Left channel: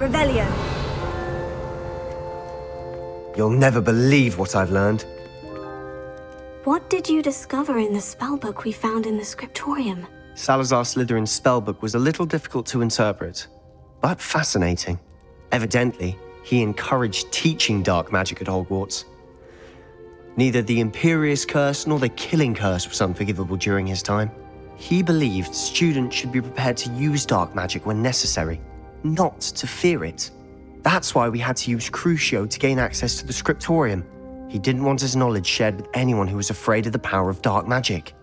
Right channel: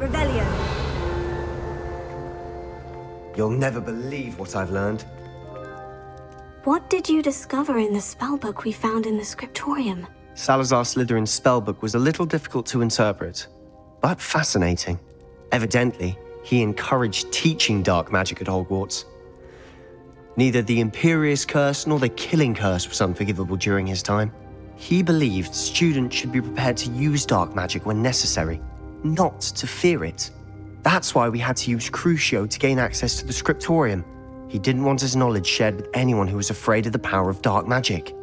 Revelio. You'll never believe what I've learned. What did you discover in the spellbook we found in the scriptorium? Salazar Slytherin's spellbook was a little difficult to interpret, but fascinating. Evidently, he encouraged teaching dark magic at Hogwarts. Neither the Imperious Curse nor the Killing Curse was unforgivable during his time. He believed students should be prepared to use dark magic when necessary, not to fear it. That's why we had to use Crucio to gain access to the scriptorium. He didn't want his knowledge shared with anyone who was afraid of the power of dark magic.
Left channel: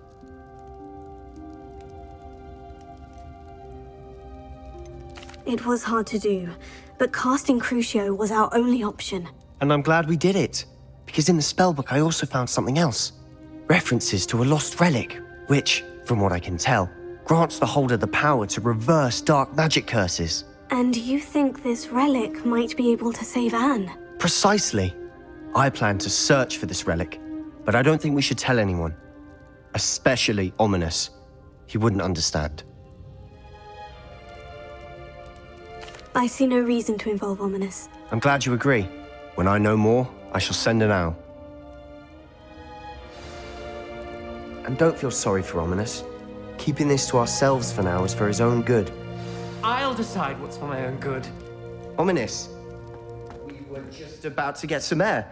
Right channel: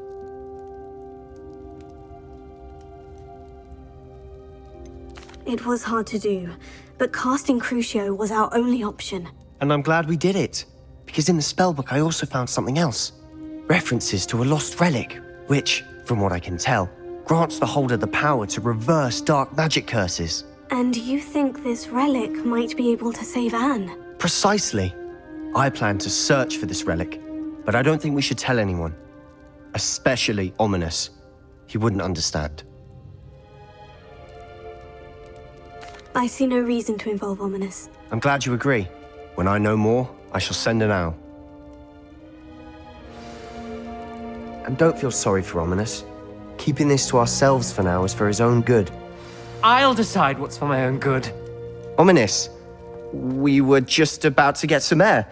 It was hard to do, but casting Crucio was our only option. And I'm glad we did it, because in the spellbook I also found something else. References to a lost relic, which, from what I can tell, grants the holder the power to reverse dark magic curses. And you think this relic might be able to save Anne? Precisely. I plan to search for this relic, but I don't think we should tell anyone. Especially Ominous. He wouldn't understand. I see no reason to involve Ominous. I'm glad you agree. When I know more, I shall send an owl. And don't feel sorry for Ominous. Keeping this to ourselves for now is for his own good. I'll decide what's for my own good. Ominous, we were just about to get some air.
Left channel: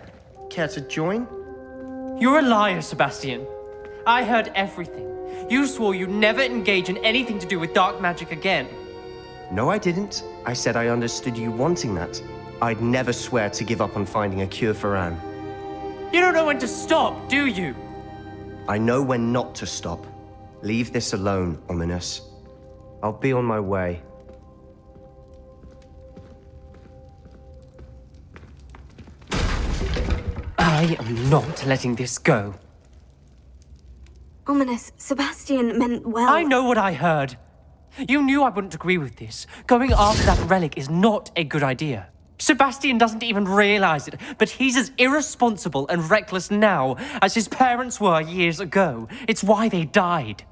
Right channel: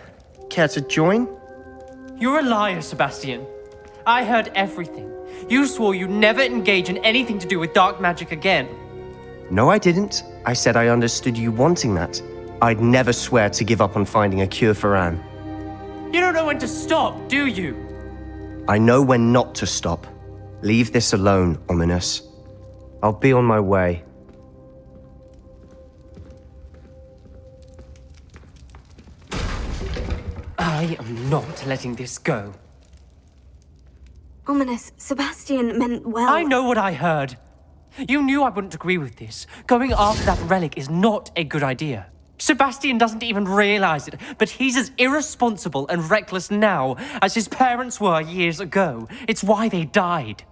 Care to join? You're a liar, Sebastian. I heard everything. You swore you'd never engage in anything to do with dark magic again. No, I didn't. I said I understood you wanting that. I'd never swear to give up on finding a cure for Anne. You don't know when to stop, do you? I know when not to stop. Leave this alone, Ominous. I'll be on my way. I am not letting this go. Ominous, Sebastian meant well. I know what I heard. You knew I wouldn't agree with this. Going after that relic is not a good idea. Sebastian doesn't even realize it, but he's as irresponsible and reckless now as his parents were years ago. It's why they died.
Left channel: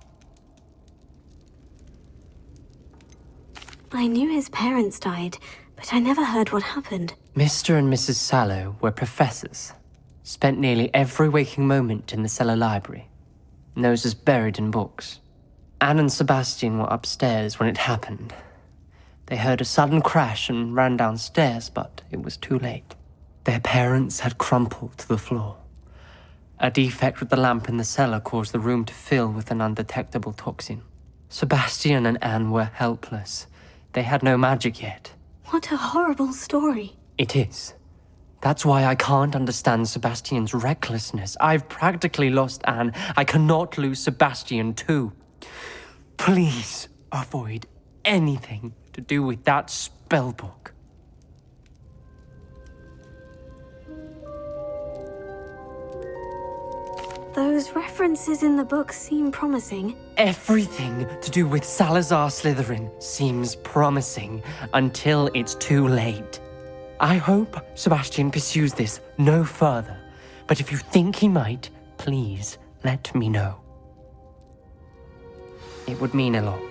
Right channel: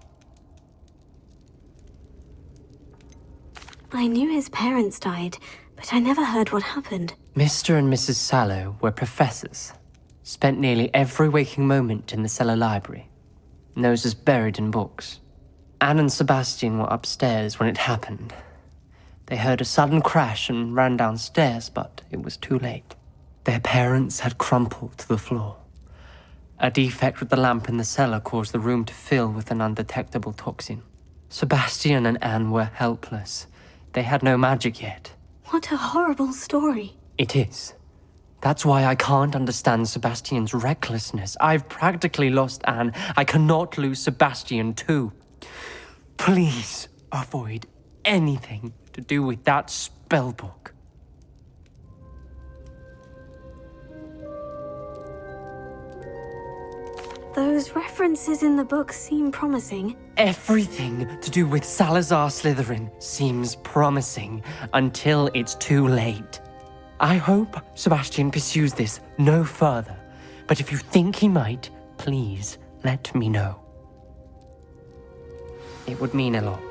I knew his parents died, but I never heard what happened. Mr. and Mrs. Sallow were professors. Spent nearly every waking moment in the cellar library. Noses buried in books. Anne and Sebastian were upstairs when it happened. They heard a sudden crash and ran downstairs, but it was too late. Their parents had crumpled to the floor. A defect with the lamp in the cellar caused the room to fill with an undetectable toxin. Sebastian and Anne were helpless. They had no magic yet. What a horrible story. It is. That's why I can't understand Sebastian's recklessness. I've practically lost Anne. I cannot lose Sebastian too. Please avoid anything to do with that spellbook. Those references in the book seem promising. Everything to do with Salazar Slytherin seems promising until it's too late. I hope Sebastian pursues this no further, but if you think he might, please let me know. It would mean a lot.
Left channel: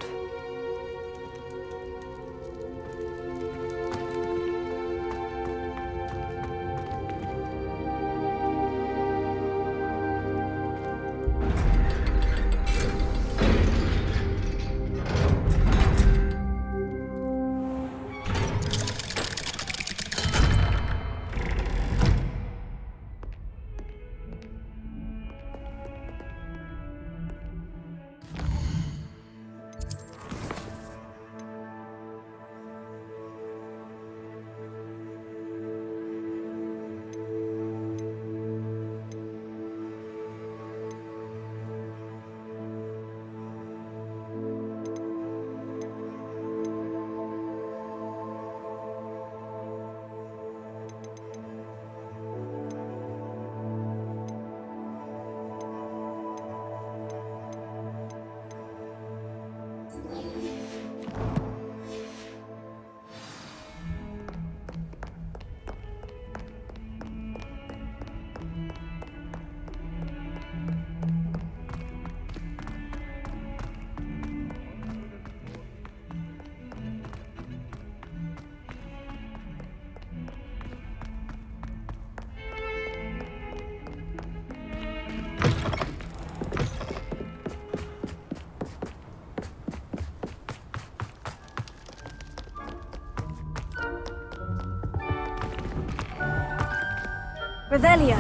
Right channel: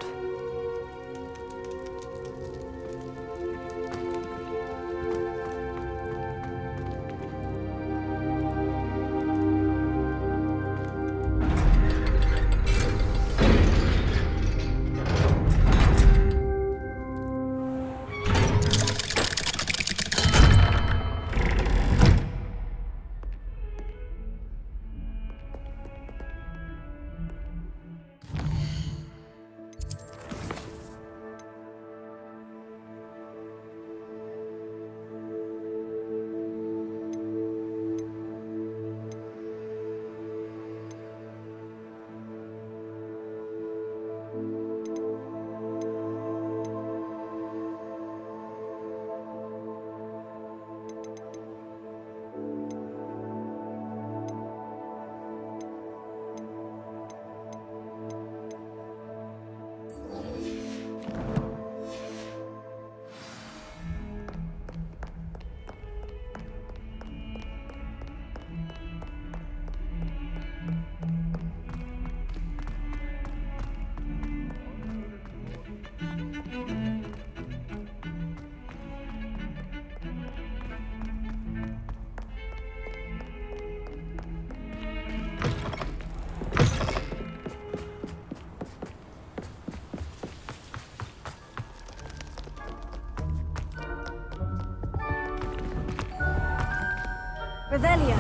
Revelio.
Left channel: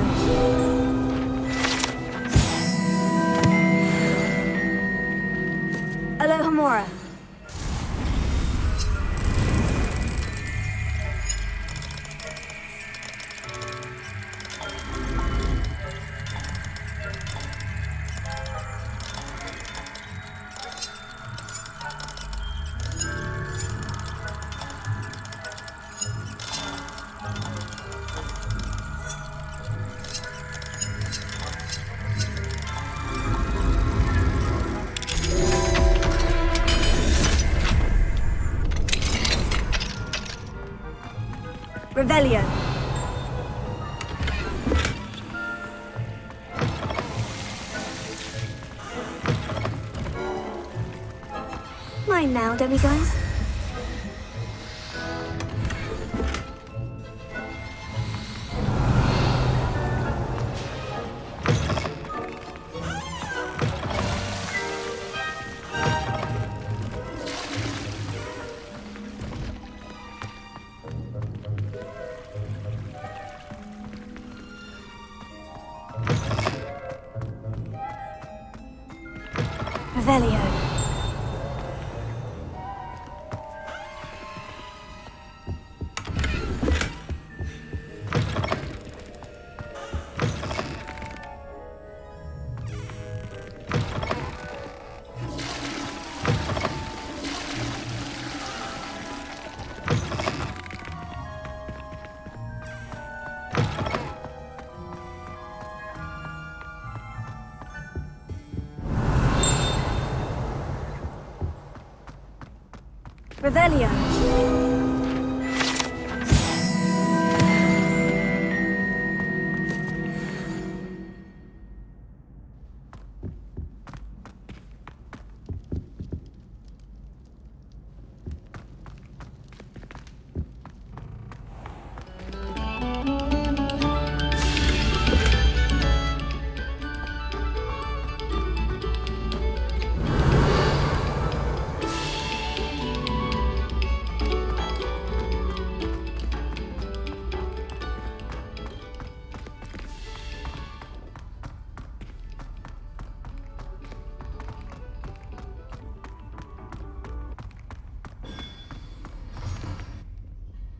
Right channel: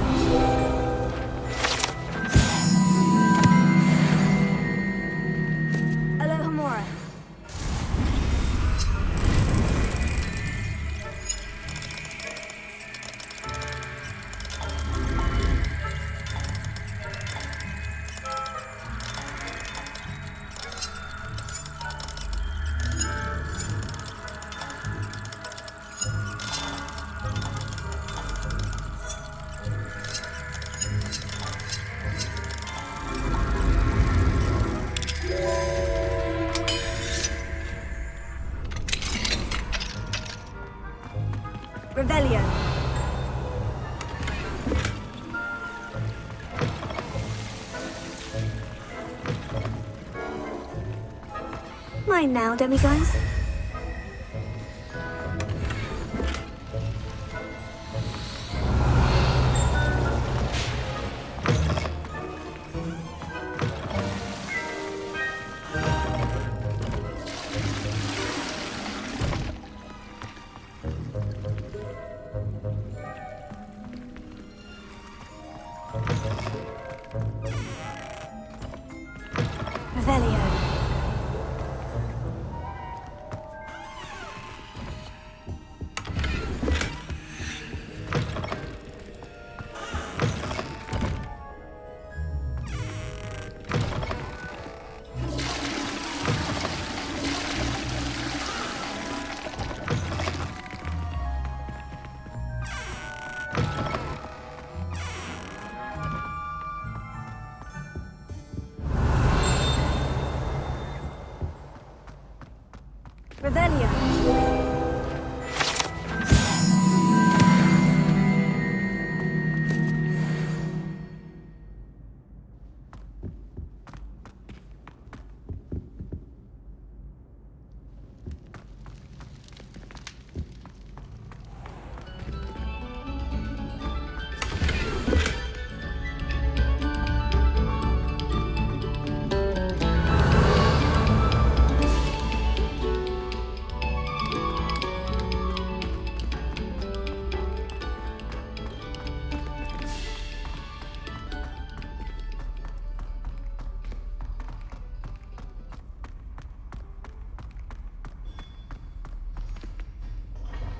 Alohomora. Revelio. Mine now, demiguys. Revelio. Revelio.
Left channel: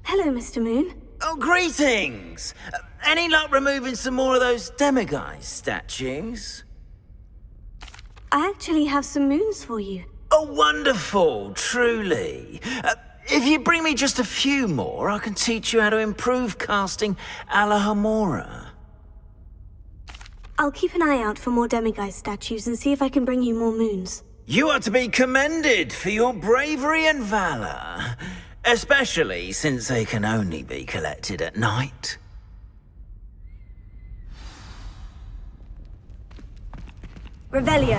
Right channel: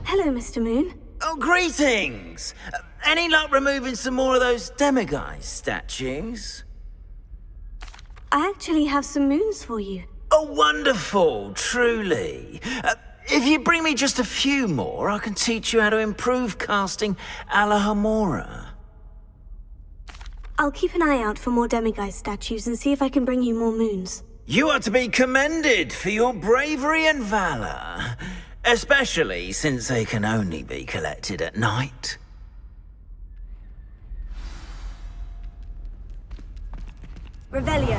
Hello, Mr. Moon. Oh, greetings! Any luck removing some more of those demiguise statues? I actually have some moons for you. Oh, wonderful, truly. If you bring me just a few more, I can teach you how to improve casting Alohomora. I'll keep an eye out for more demiguise statues and see if I can bring you more moons. You are to be commended for your bravery and valor, especially since they can only be collected at night. Revelio.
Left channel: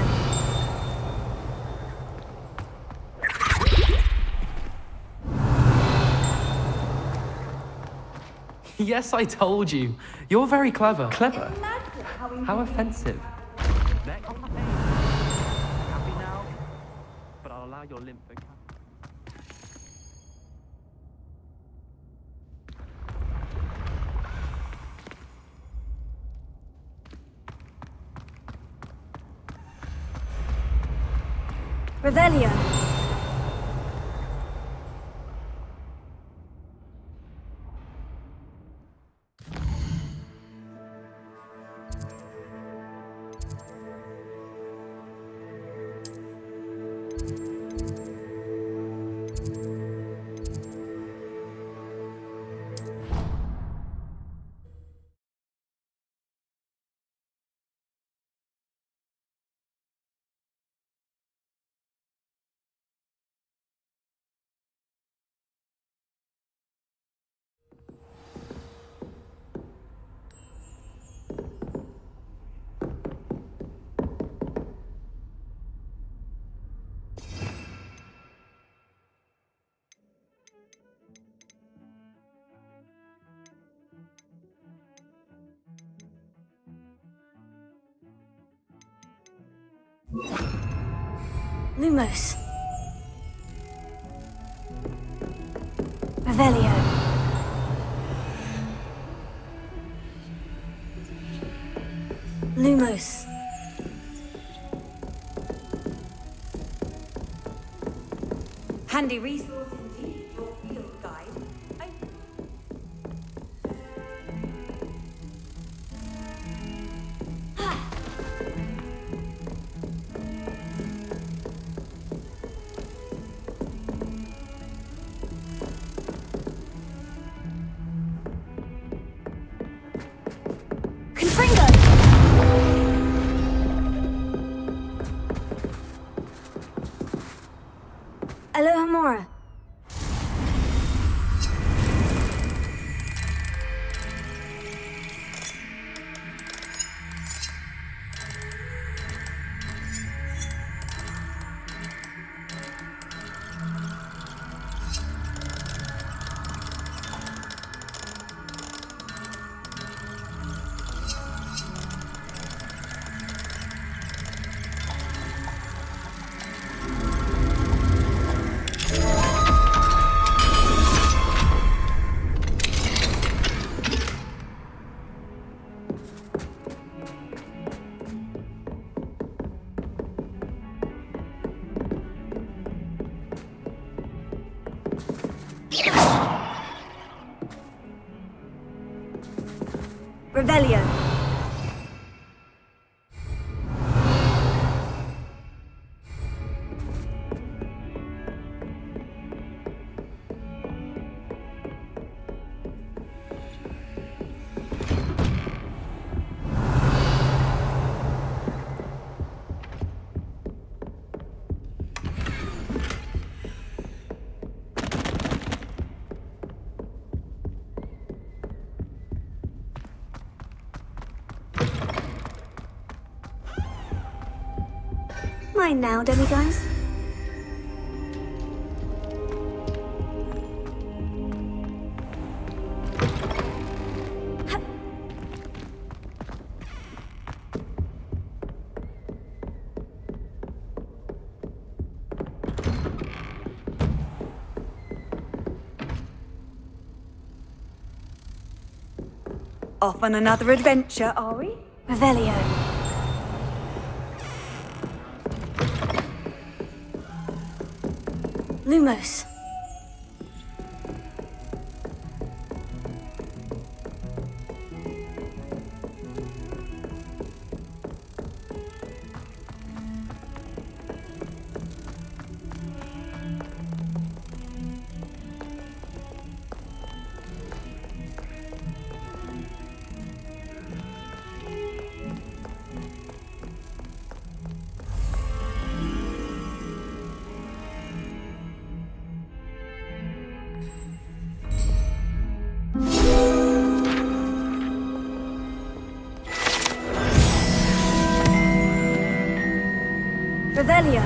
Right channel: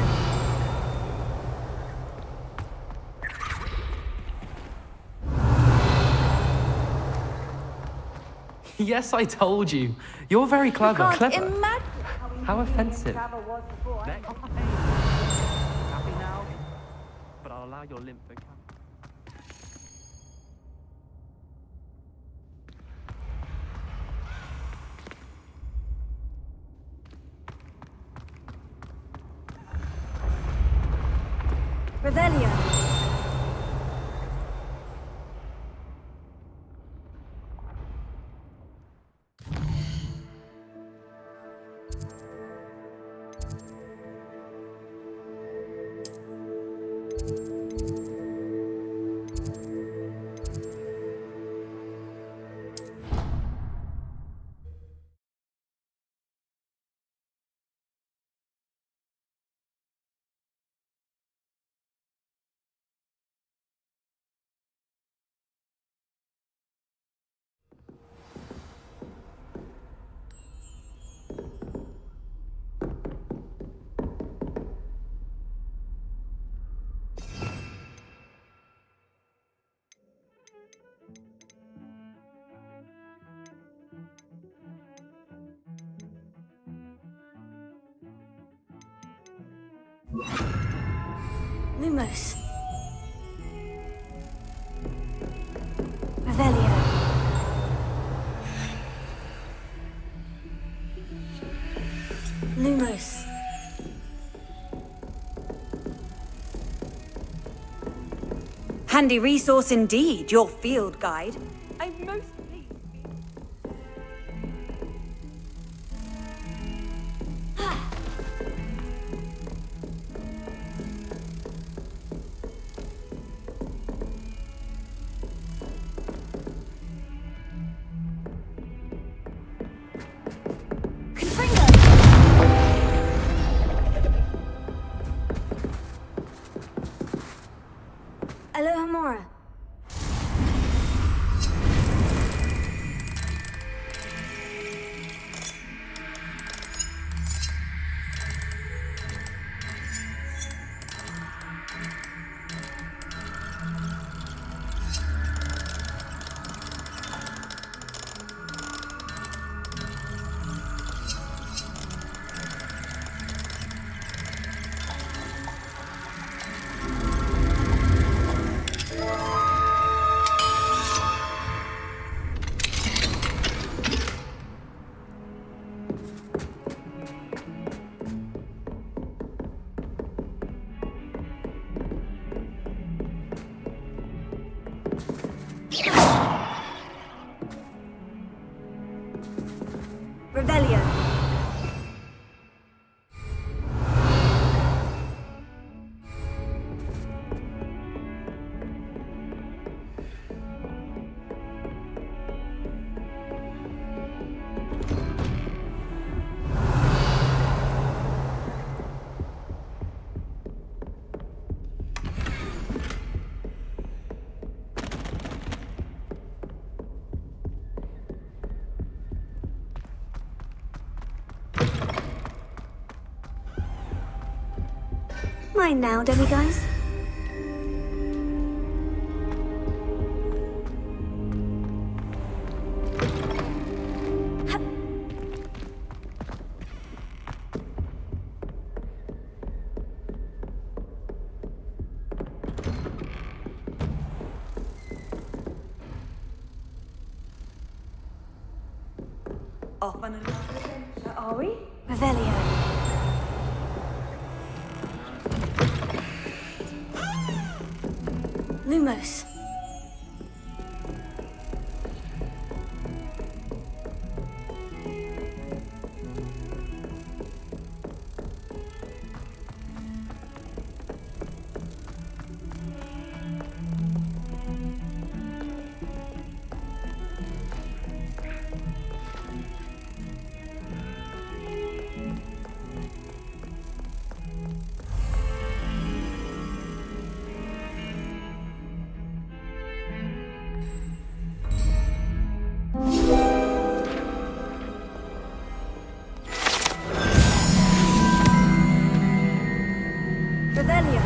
Yes, I told you. You're very clever. Clever? Imagine How offensive. Happy now? But I'll allow your limp vocabulary. Revelio. Lumos. Revelio. Lumos. Handy resource indeed, your field guide. I most... Confringo! Alohomora. Revelio. Mine now, demiguise. Off on another adventure, are we? Revelio. Lumos. Revelio.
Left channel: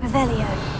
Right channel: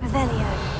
Revelio.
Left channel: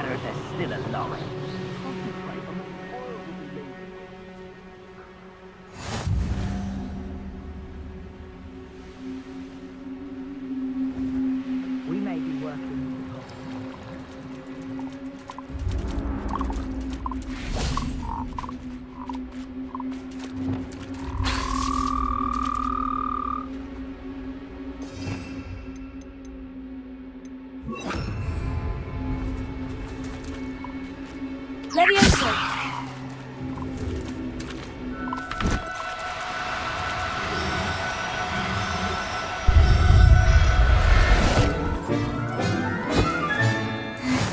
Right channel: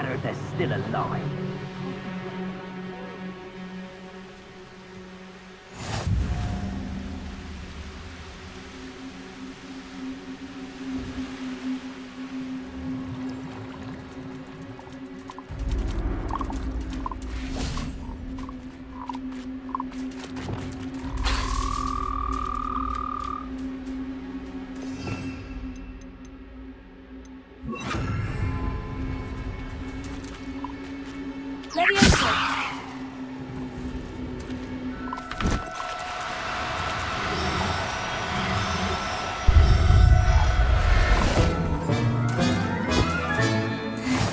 matter if they're still alive. We may be working. Leviosa!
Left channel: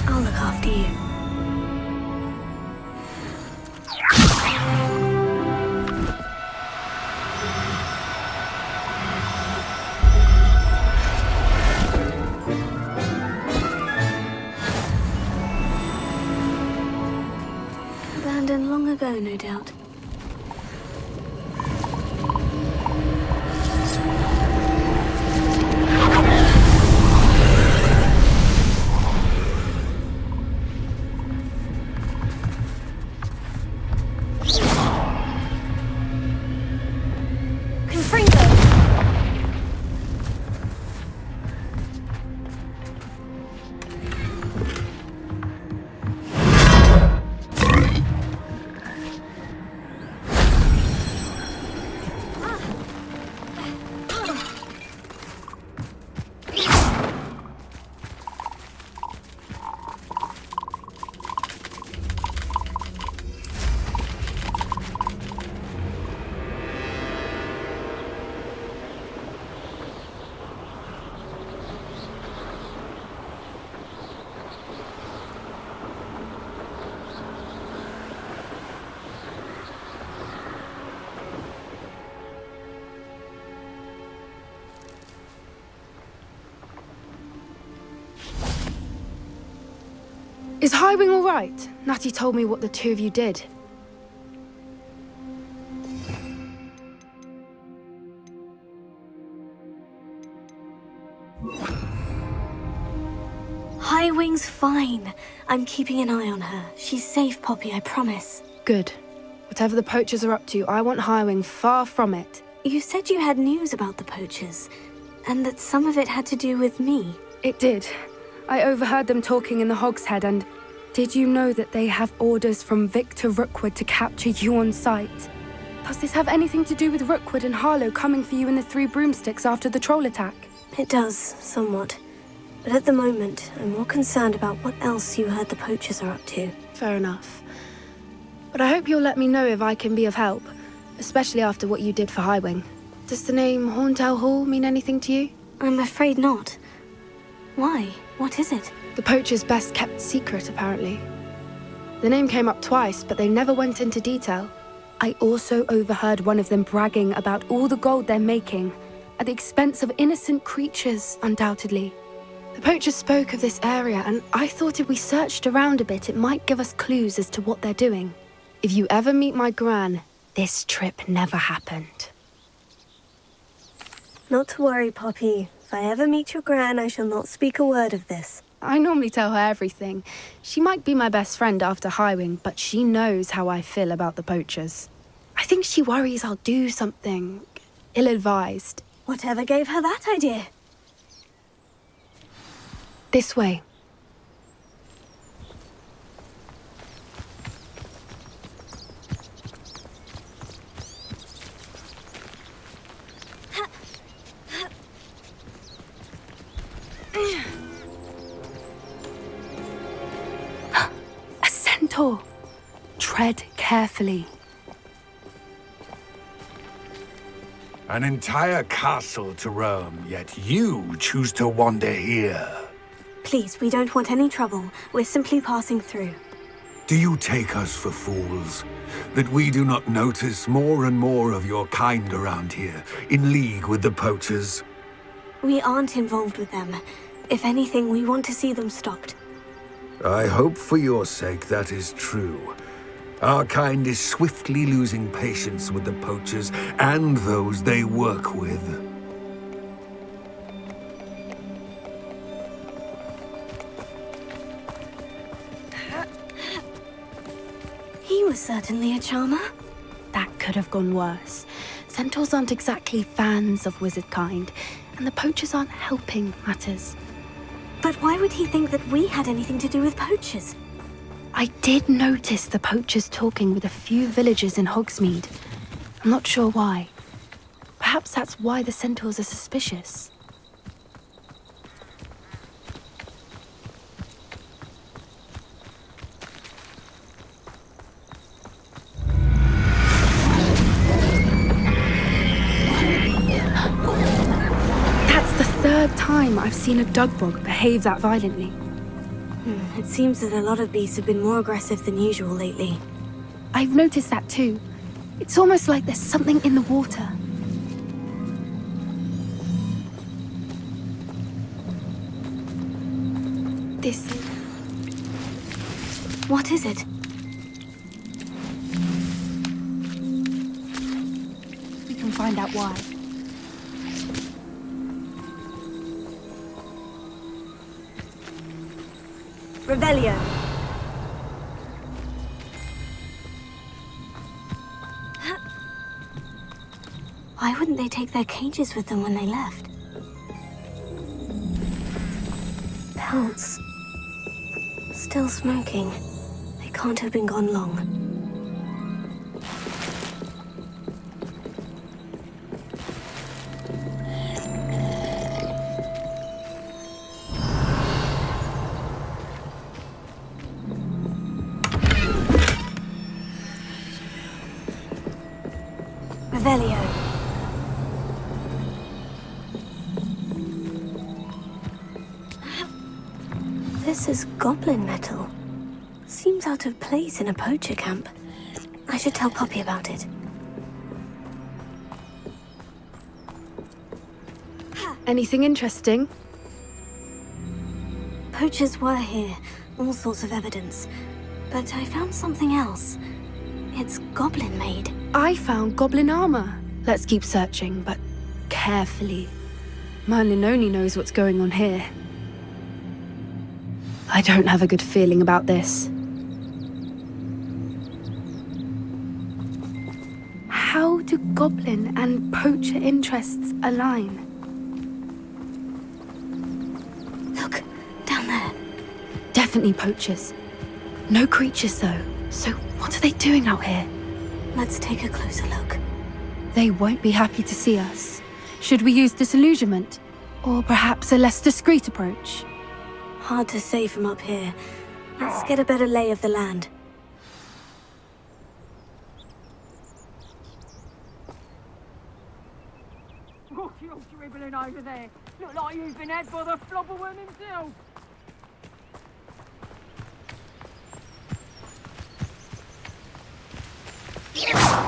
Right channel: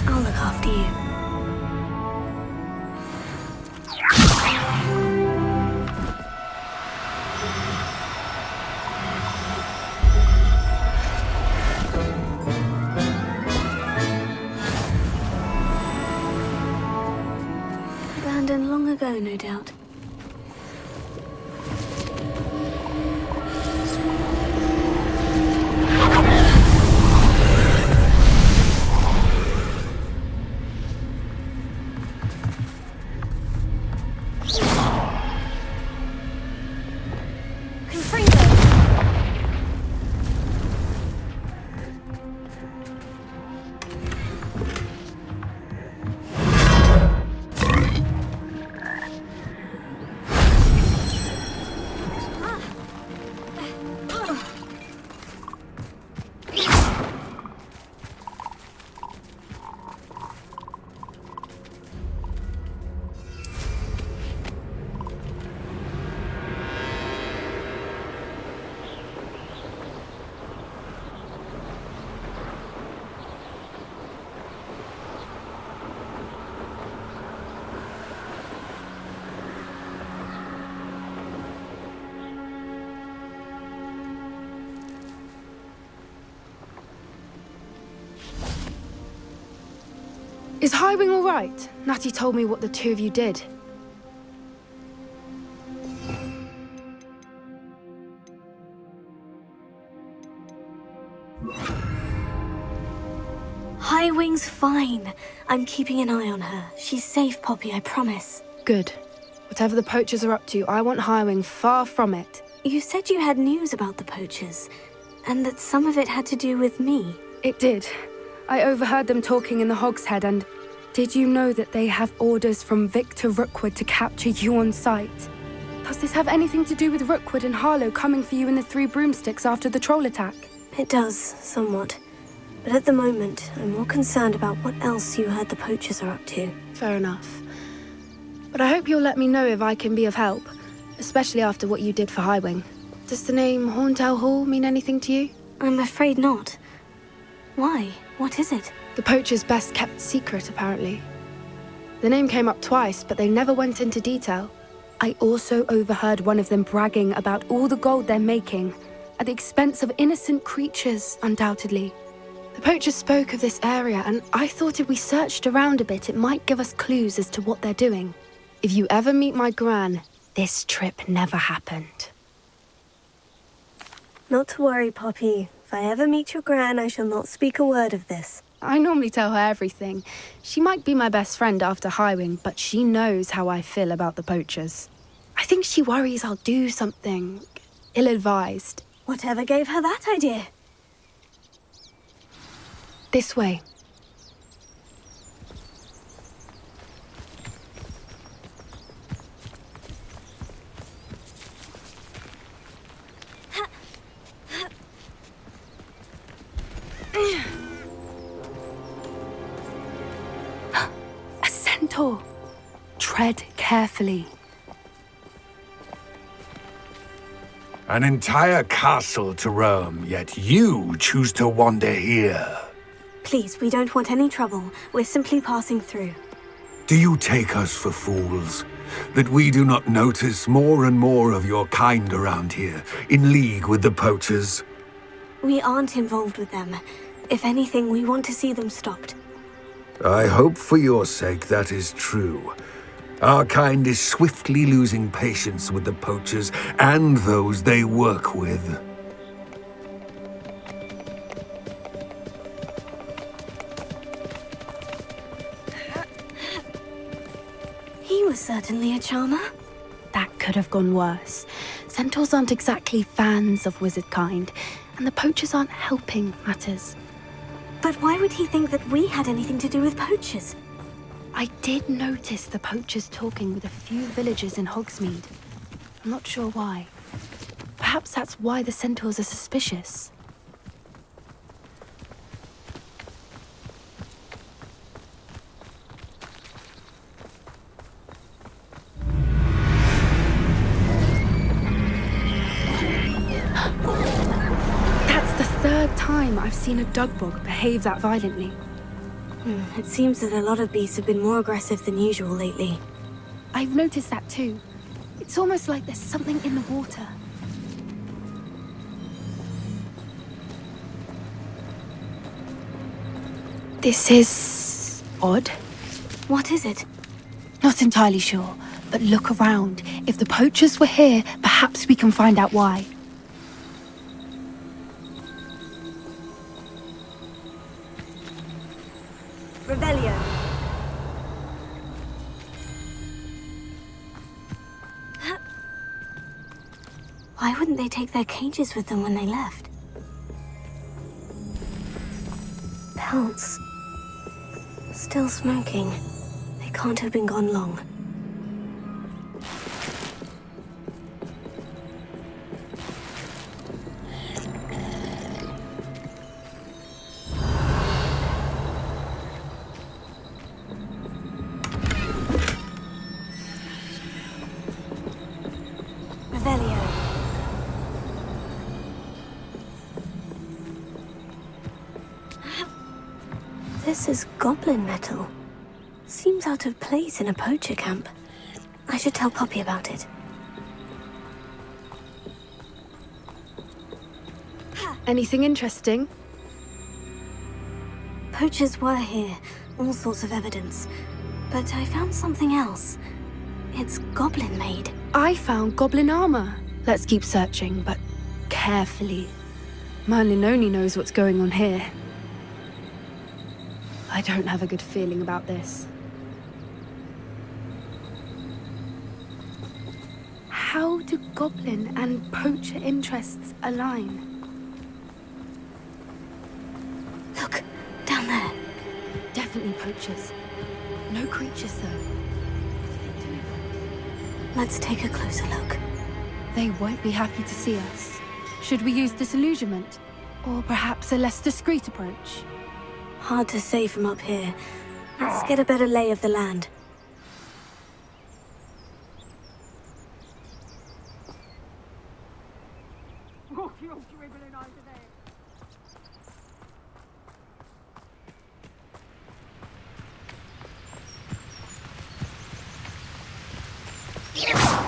I'll look after you. Abandoned long ago, no doubt. Confringo! Is Highwing all right? Natty told me what the two of you did. Highwing's fine. I'm keeping an eye on her. She's safe, Poppy, I promise. Good. Whatever the poachers are up to, I want Highwing far from it. You said you had news about the poachers, and that some of it had to do with me. It did. I overheard them talking in the Hogshead, and did you know that they have orders from Victor Rookwood to capture you on sight? Does this have anything to do with Rookwood and Harlow coming for you in the Three Broomsticks after the troll attack? It does, somewhat. But at the moment, I'm more concerned about what else you heard the poachers are up to. Fair enough. But I hope you'll let me know if I can be of help, especially after what you did for Highwing. Does the name Horntail Hall mean anything to you? I'm afraid not. Why? What is it? The poachers' best kept secret, apparently. The name came up twice, but they never went into detail. I also overheard one of them bragging about all the gold they're making, at the expense of innocent creatures, undoubtedly. The poachers spoke of this area, and I thought if we searched around a bit, it might give us clues as to what they're doing. If you ever meet my gran, this trip never happened. Not to worry, Poppy. If I ever meet your gran, I shall not speak a word of this. I normally tell her everything. She might be my best friend after Highwing, but she knows how I feel about the poachers. I think she worries I'll do something ill-advised. Whatever gave her that idea? This way. A centaur. Tread carefully. An entire castle to roam, yet you choose to wander here. Please, we don't want any trouble. We're simply passing through. Do you take us for fools? That we do not notice more and more of your kind around here, in league with the poachers? We aren't involved with them. If anything, we want to see them stopped. I hope for your sake that is true. Our kind is swiftly losing patience with the poachers and those they work with. Certainly a charmer. That could have gone worse. Centaurs aren't exactly fans of wizard kind, and the poachers aren't helping matters. But why would he think that we had anything to do with poachers? I did notice the poachers talking with a few villagers in Hogsmeade. I'm not sure why. Perhaps that's why the centaurs are suspicious. That's the third time I've seen a dugbog behave that violently. It seems that a lot of beasts have been more aggressive than usual lately. I've noticed that too. It's almost like there's something in the water. This is odd. What is it? Not entirely sure, but look around. If the poachers were here, perhaps we can find out why. Revelio. Why wouldn't they take their cages with them when they left? Pelts. Still smoking. They can't have been gone long. Revelio. This is goblin metal. Seems out of place in a poacher camp. I should tell Poppy about it. Anything interesting? Poachers were here, all sorts of evidence. But I found something else. It's goblin-made. I found goblin armor. Let's keep searching, but carefully. Merlin only knows what's going on here. I don't have a good feeling about this. How do goblin and poacher interests align? Look, down there. Definitely poachers. No creatures, though. So what are they doing out here? Let's take a closer look. They won't be happy to see us. Should we use disillusionment? Or perhaps a less discreet approach? Hard to say from up here. Let's get a better lay of the land. What you dribbling over there? Look like you've been had by the flobberworm himself. Yes.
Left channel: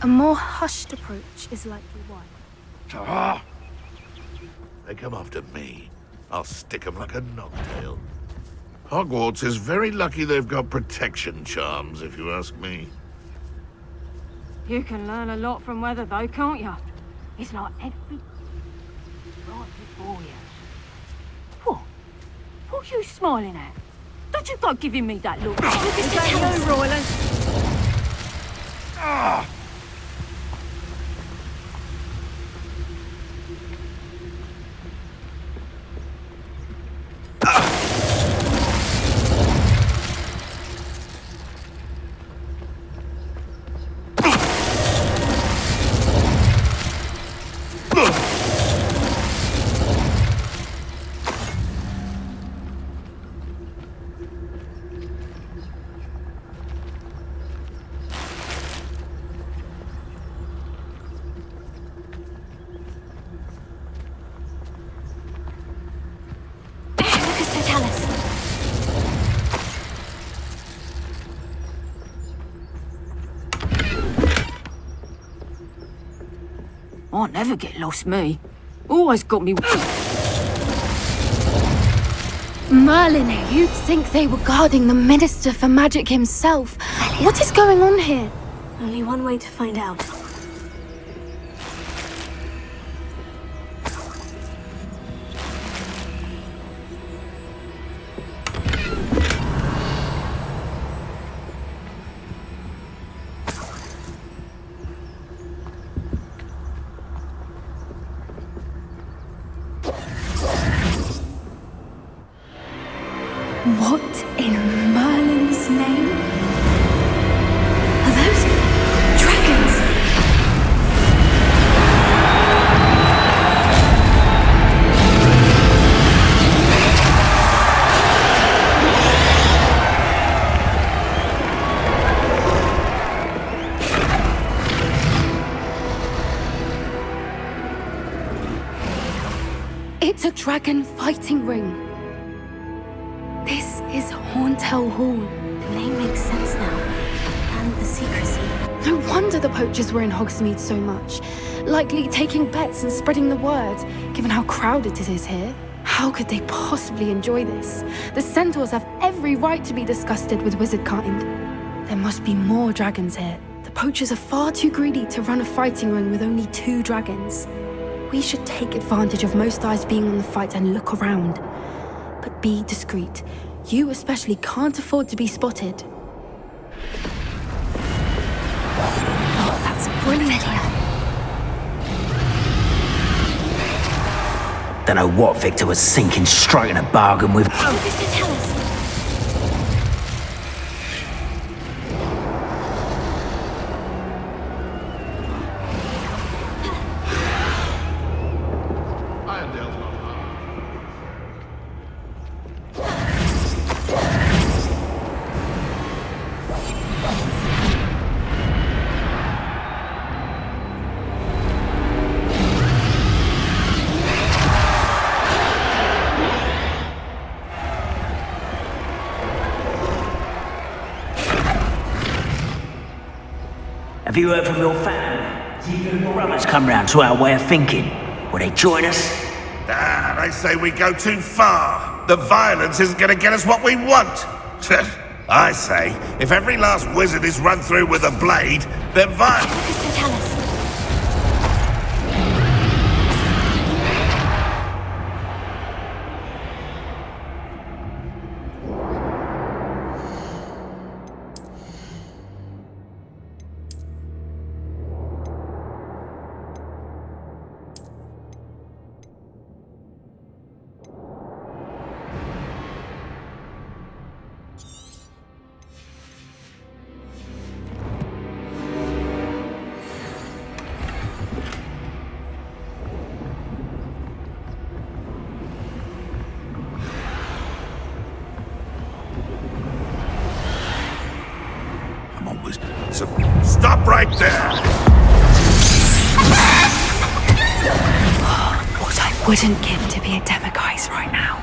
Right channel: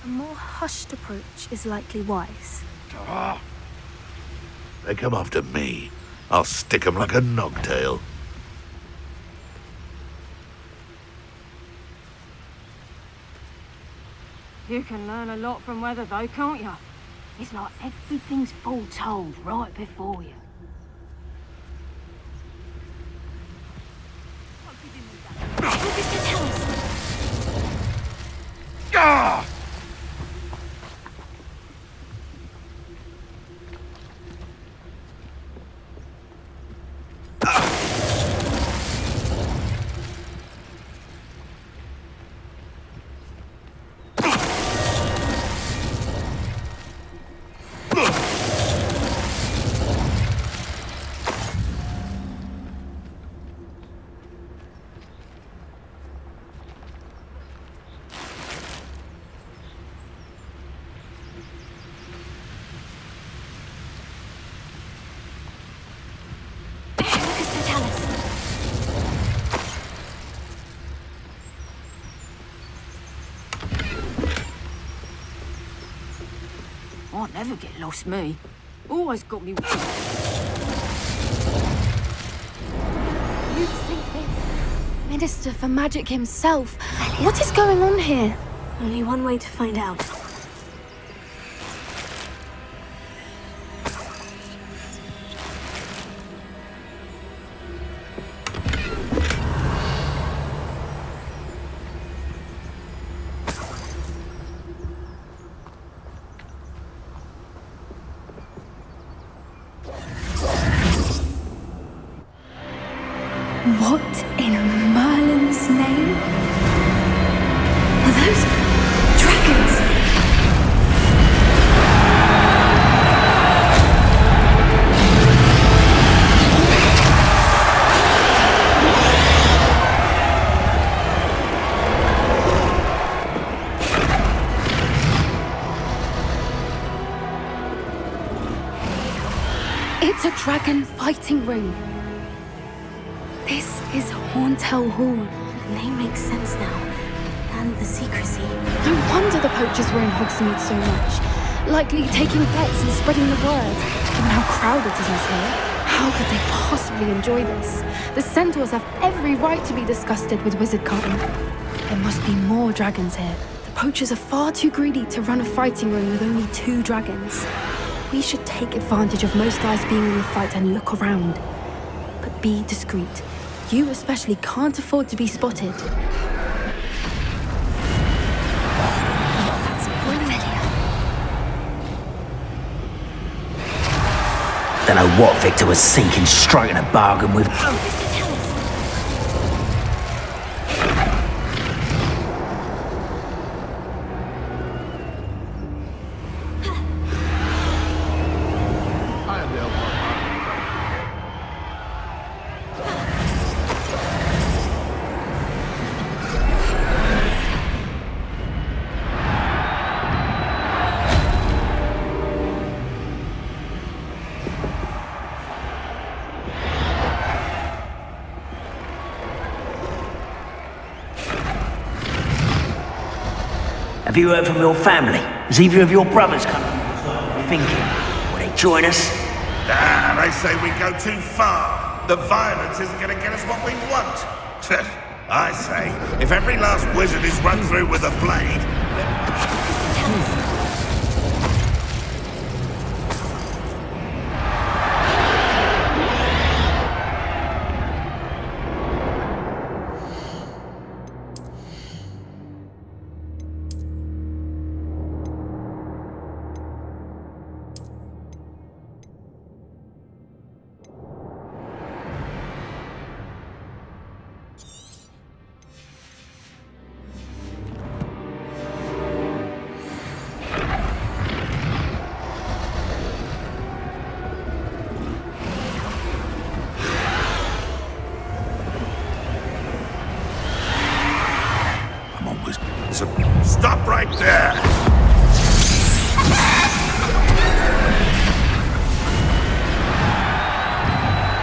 A more hushed approach is likely wise. Ah! They come after me. I'll stick 'em like a nogtail. Hogwarts is very lucky they've got protection charms, if you ask me. You can learn a lot from weather though, can't you? It's like everything's foretold right before you. What? What are you smiling at? Don't you go giving me that look. Mr. Tallis. Ah! Mr. Tallis. I never get lost, me. Always got me. Merlin, you'd think they were guarding the Minister for Magic himself. What is going on here? Only one way to find out. What in Merlin's name? Are those dragons? It's a dragon fighting ring. This is Horntail Hall. The name makes sense now. And the secrecy. No wonder the poachers were in Hogsmeade so much. Likely taking bets and spreading the word. Given how crowded it is here, how could they possibly enjoy this? The centaurs have every right to be disgusted with wizardkind. There must be more dragons here. The poachers are far too greedy to run a fighting ring with only 2 dragons. We should take advantage of most eyes being on the fight and look around. But be discreet. You especially can't afford to be spotted. Oh, that's brilliant. Don't know what Victor was thinking, striking a bargain with. Mr. Tallis. Have you heard from your family? Has either of your brothers come round to our way of thinking? Will they join us? Ah, they say we go too far. The violence isn't going to get us what we want. I say, if every last wizard is run through with a blade, then violence... Mr. Tallis. Stop right there! What I wouldn't give to be a Demogorgon right now.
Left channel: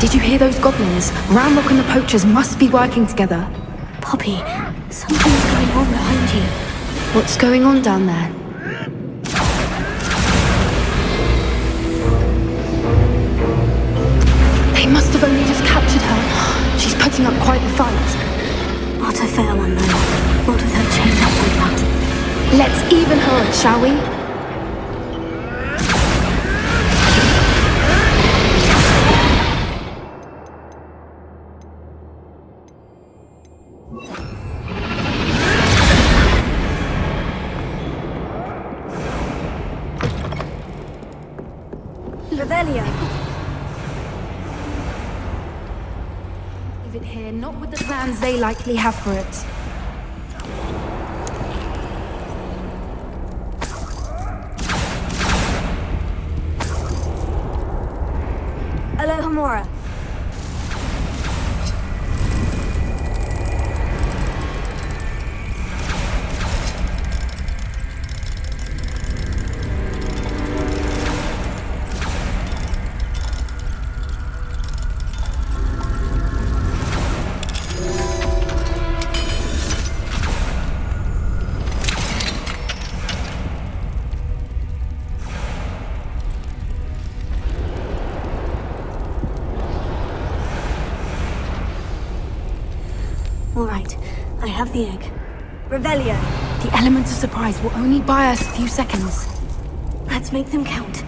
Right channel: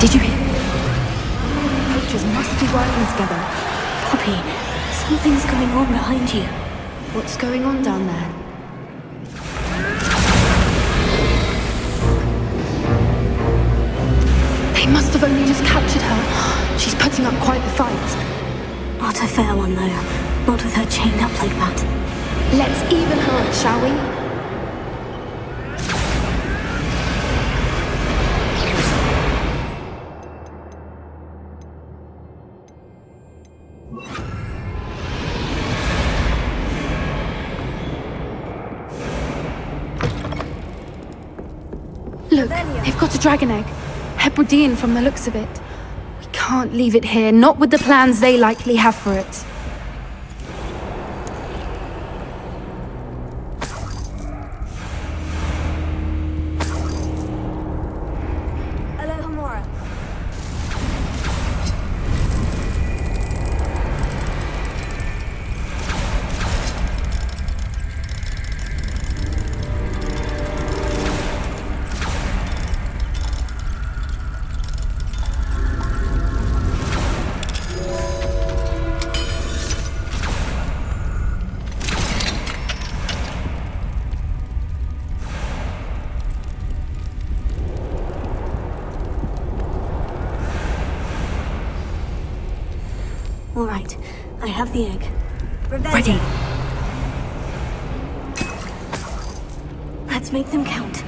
Did you hear those goblins? Ramrock and the poachers must be working together. Poppy, something's going on behind you. What's going on down there? They must have only just captured her. She's putting up quite the fight. Not a fair one, though. Not with her chained up like that. Let's even her up, shall we? Look, they've got a dragon egg. Hebridean from the looks of it. We can't leave it here, not with the plans they likely have for it. Alohomora. All right, I have the egg. Ready. The element of surprise will only buy us a few seconds. Let's make them count.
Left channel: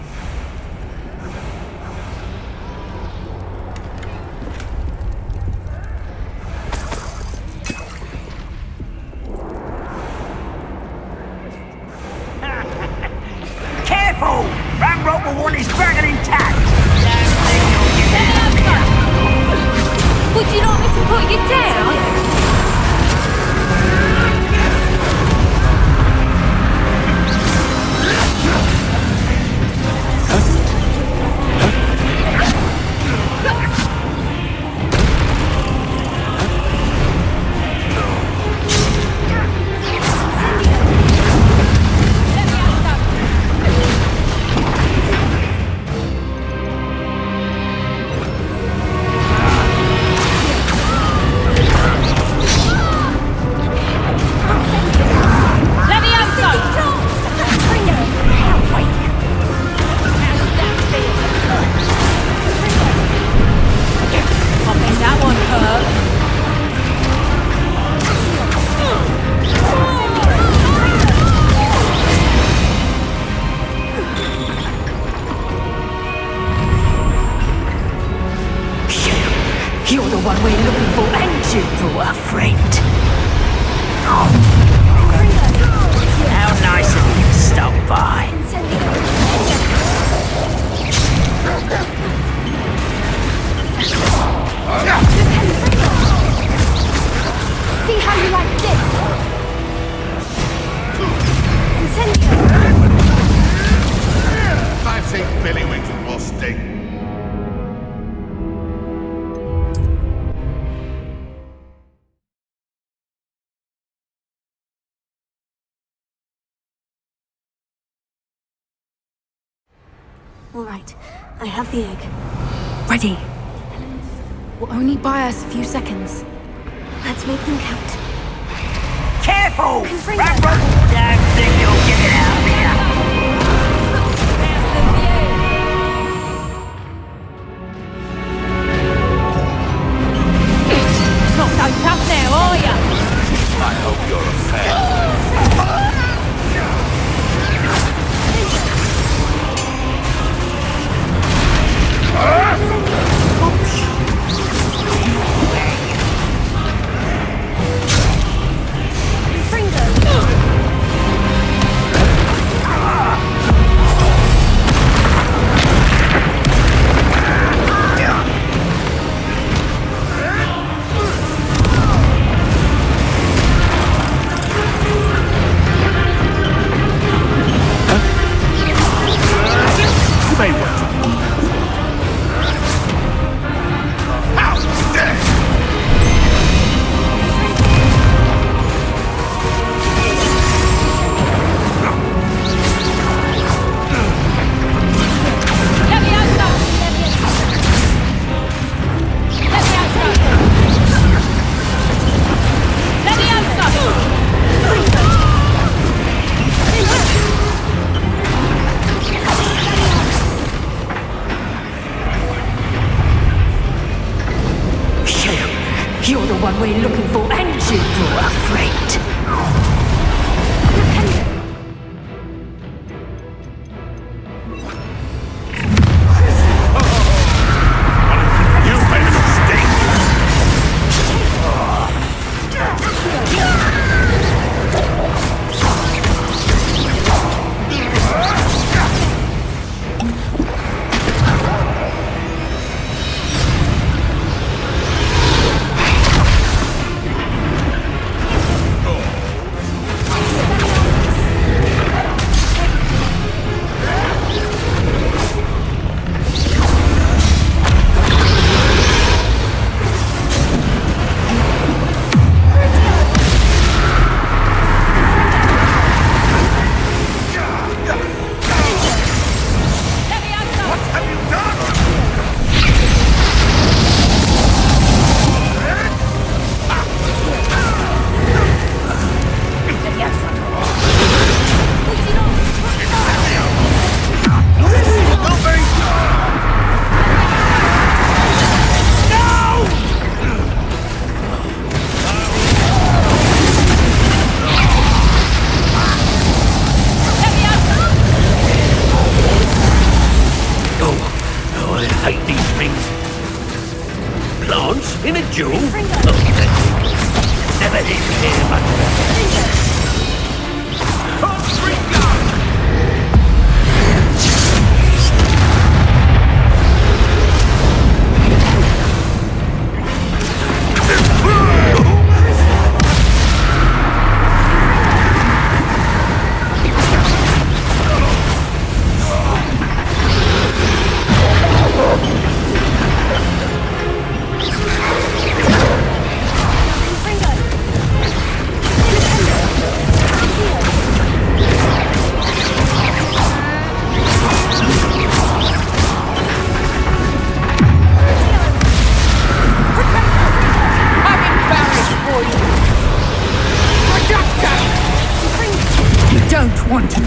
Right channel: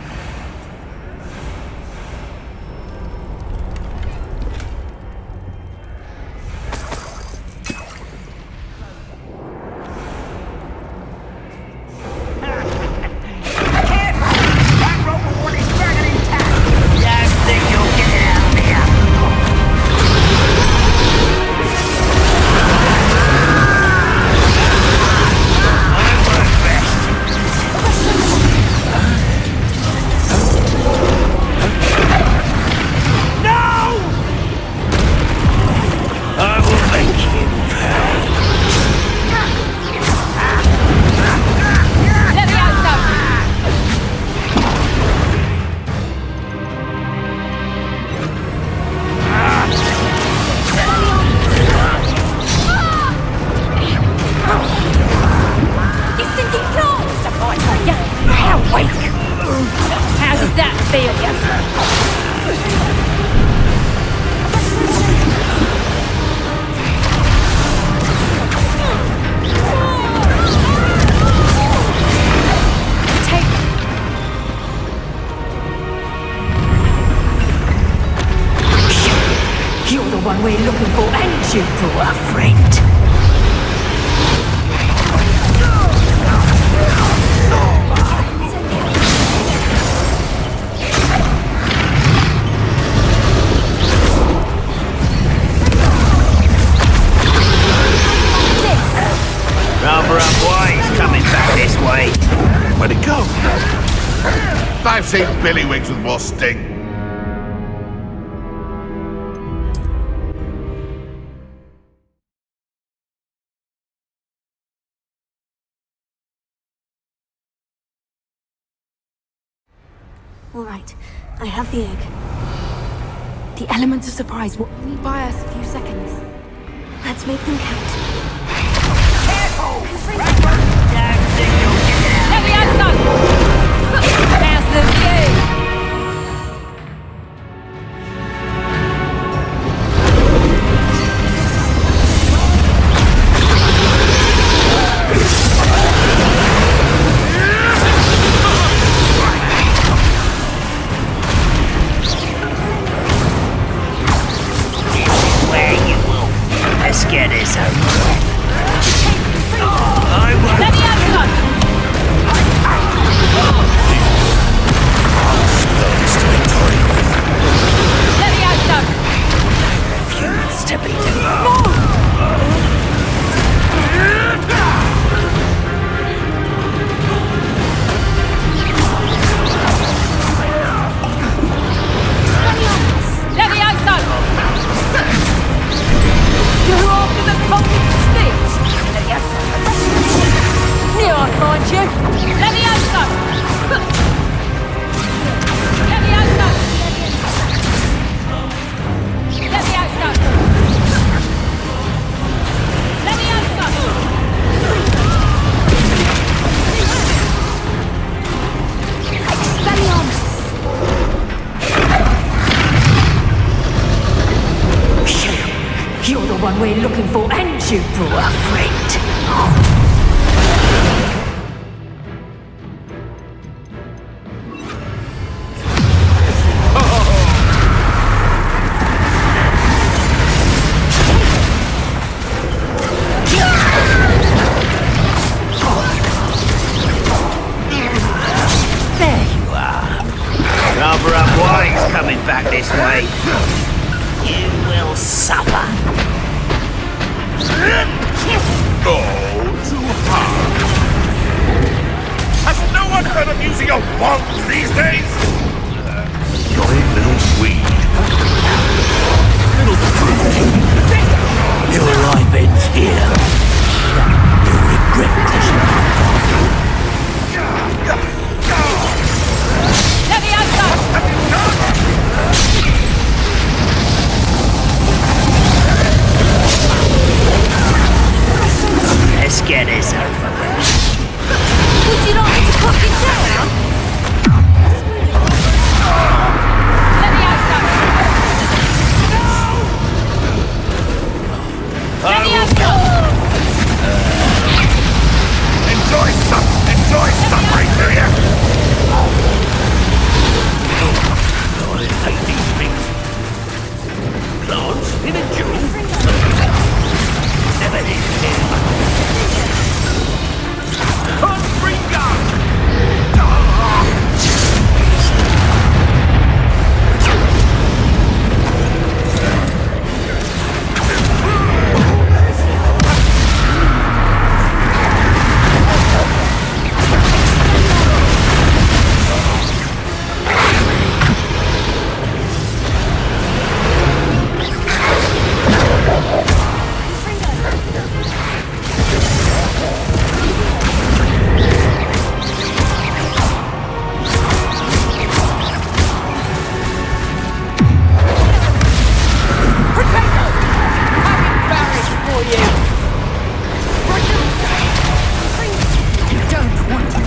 Careful! That rope will want his dragon intact! Don't think you'll get out of here! You're the one we're looking for, and you brought a friend. How nice of you to stop by. Rather unwise coming back this way. Where'd it go? I've seen Billywigs with more sting. All right, I have the egg. Ready. The element of surprise will only buy us a few seconds. Let's make them count. Careful! That rope! Don't think you'll get it out of here! There's the view. Not so tough now, are you? Where you will. Let's get this over. Let me have some. You're the one we're looking for, and you brought a friend.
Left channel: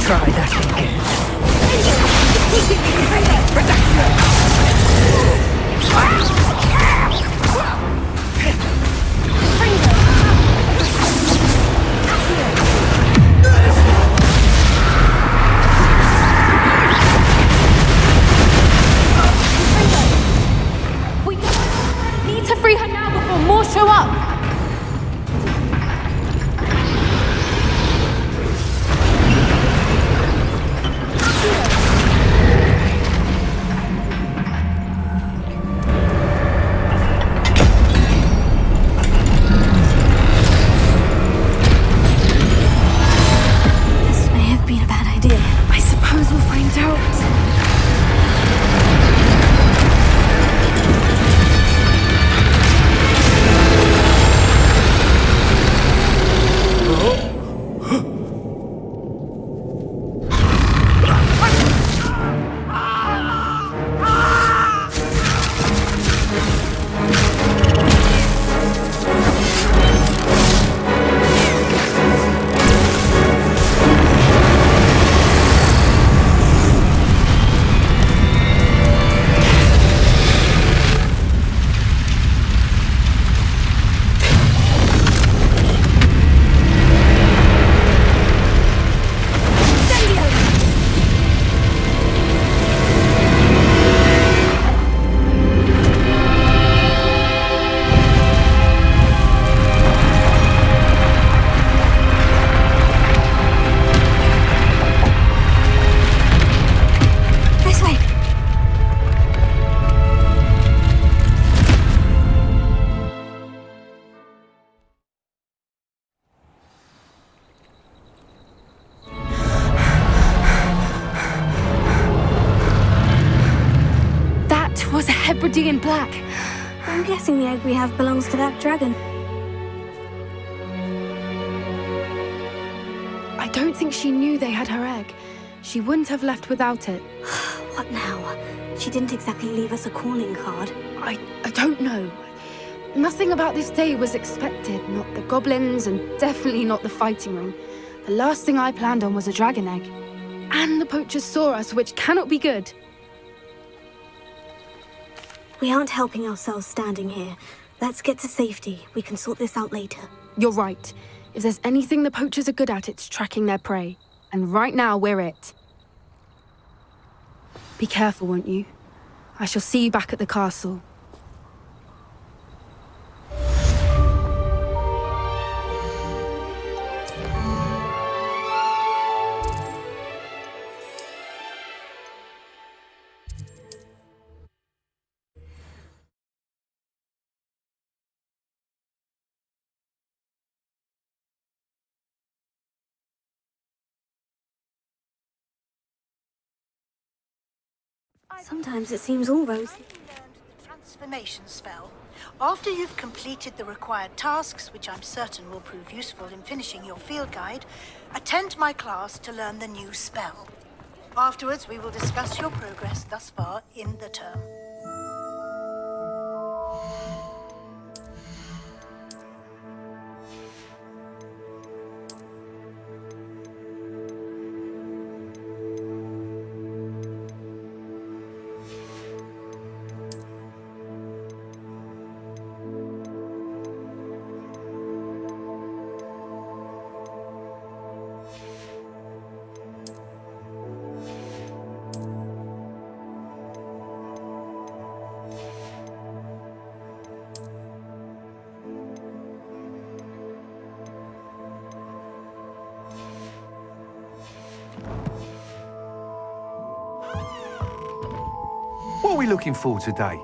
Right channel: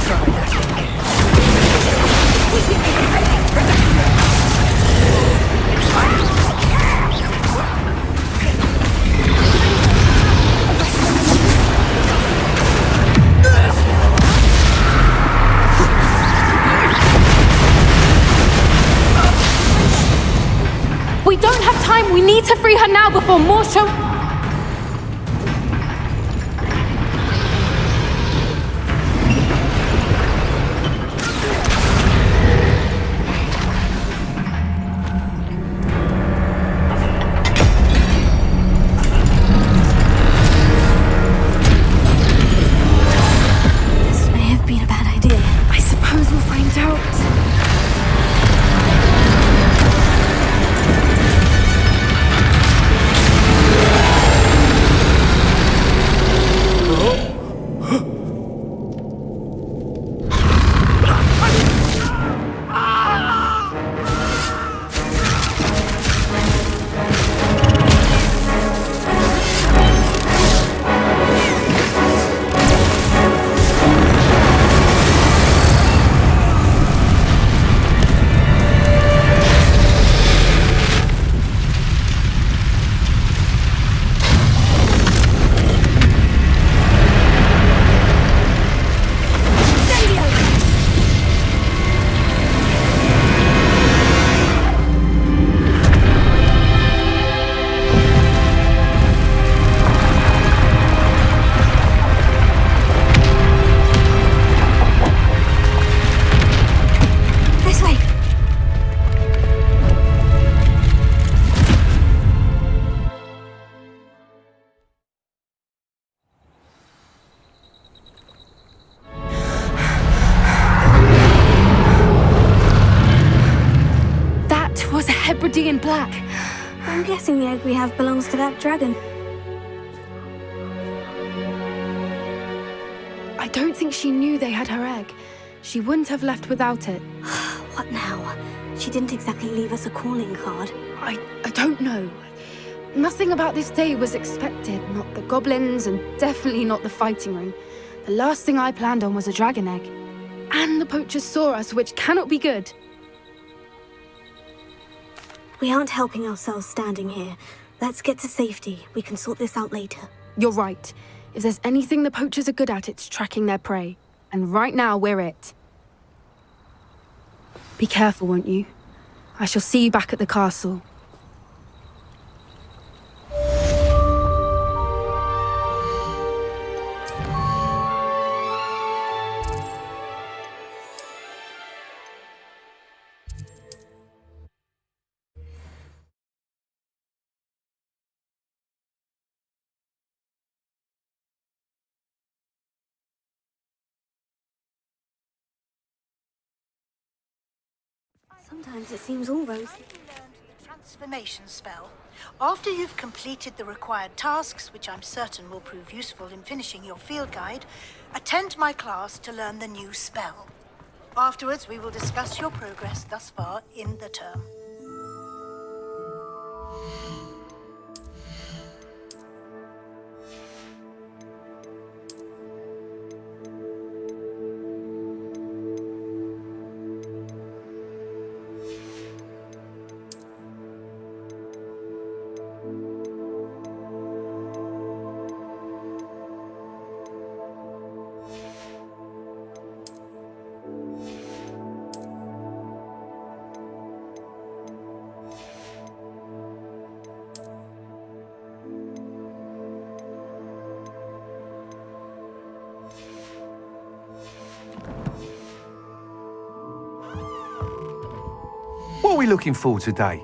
try that We don't have time. We need to free her now before more show up. This may have been a bad idea. I suppose we'll find out. This way. That was a Hebridean black. I'm guessing the egg we have belongs to that dragon. I don't think she knew they had her egg. She wouldn't have left without it. What now? She didn't exactly leave us a calling card. I don't know. Nothing about this day was expected. Not the goblins, and definitely not the fighting ring. The last thing I planned on was a dragon egg. And the poachers saw us, which cannot be good. We aren't helping ourselves standing here. Let's get to safety. We can sort this out later. You're right. If there's anything the poachers are good at, it's tracking their prey. And right now, we're it. Be careful, won't you? I shall see you back at the castle. Sometimes it seems all rosy. The transformation spell. After you've completed the required tasks, which I'm certain will prove useful in finishing your field guide, attend my class to learn the new spell. Afterwards, we will discuss your progress thus far in the term. What are we looking for today?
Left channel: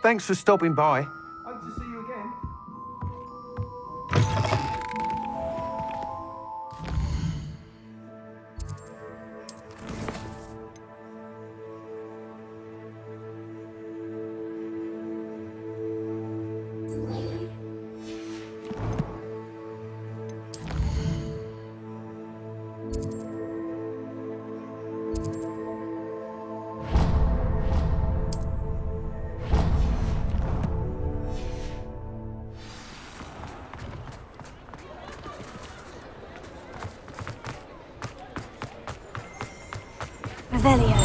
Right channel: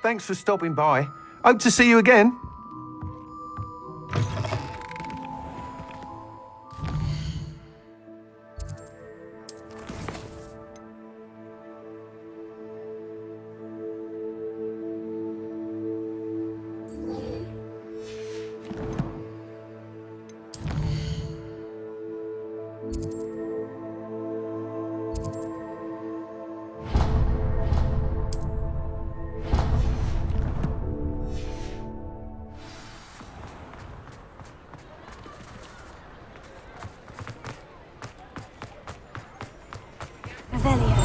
Thanks for stopping by. Hope to see you again. Revelio.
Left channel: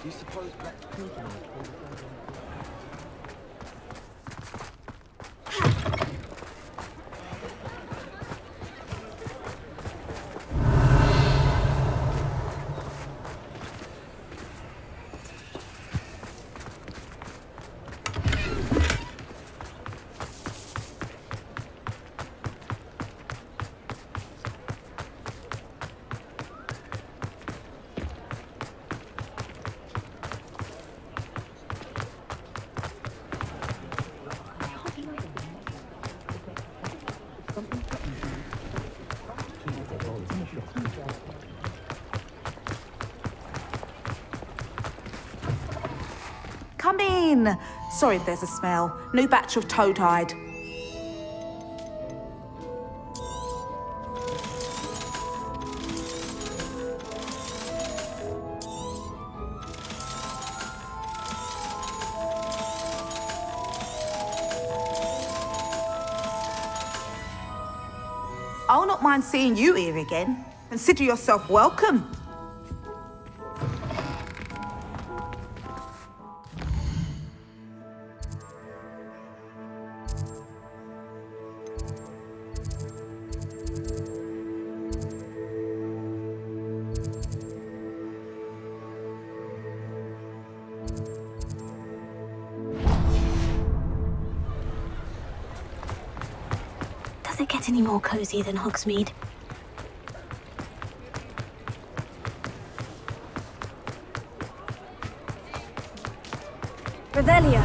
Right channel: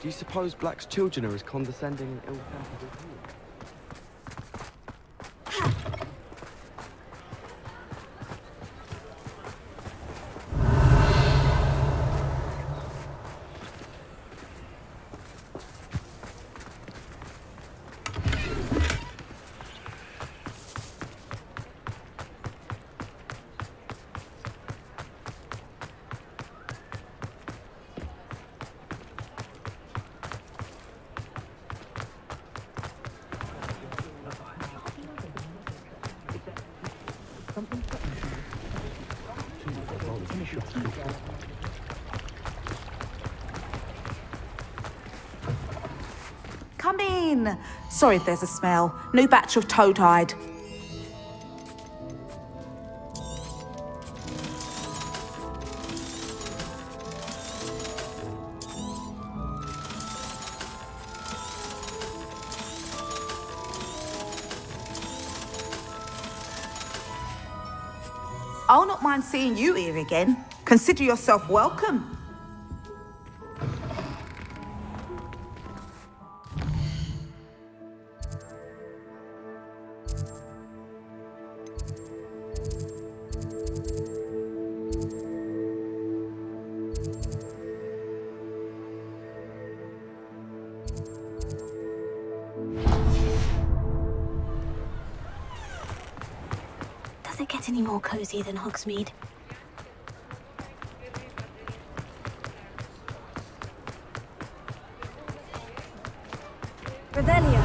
Do you suppose Black's children are as condescending and ill-fated as you? Come in. Sorry if there's a smell. New batch of toad hide. I'll not mind seeing you here again. Consider yourself welcome. Does it get any more cozy than Hogsmeade? Revelio.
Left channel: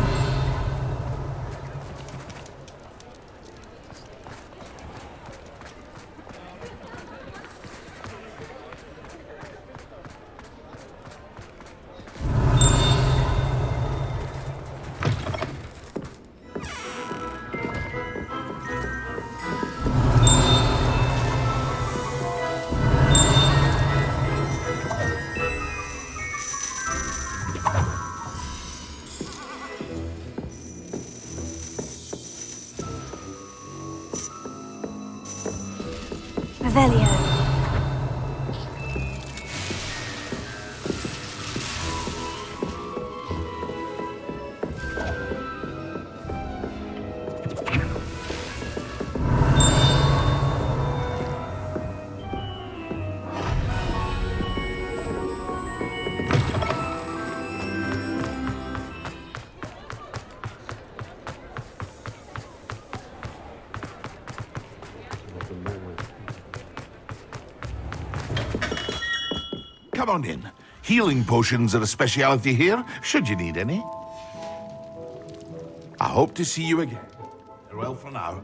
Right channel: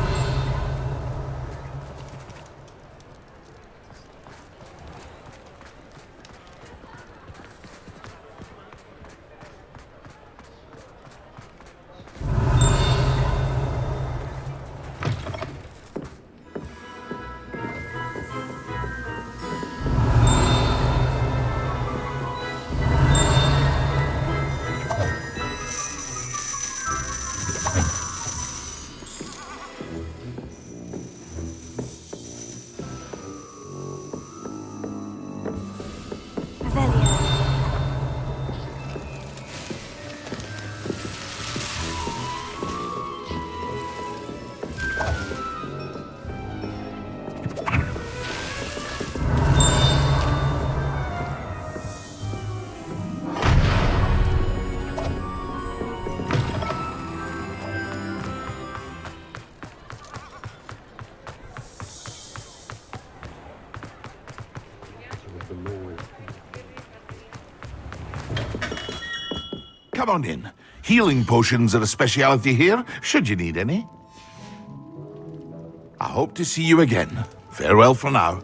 Revelio. Come on in. Healing potions are a speciality here, should you need any. I hope to see you again. Farewell for now.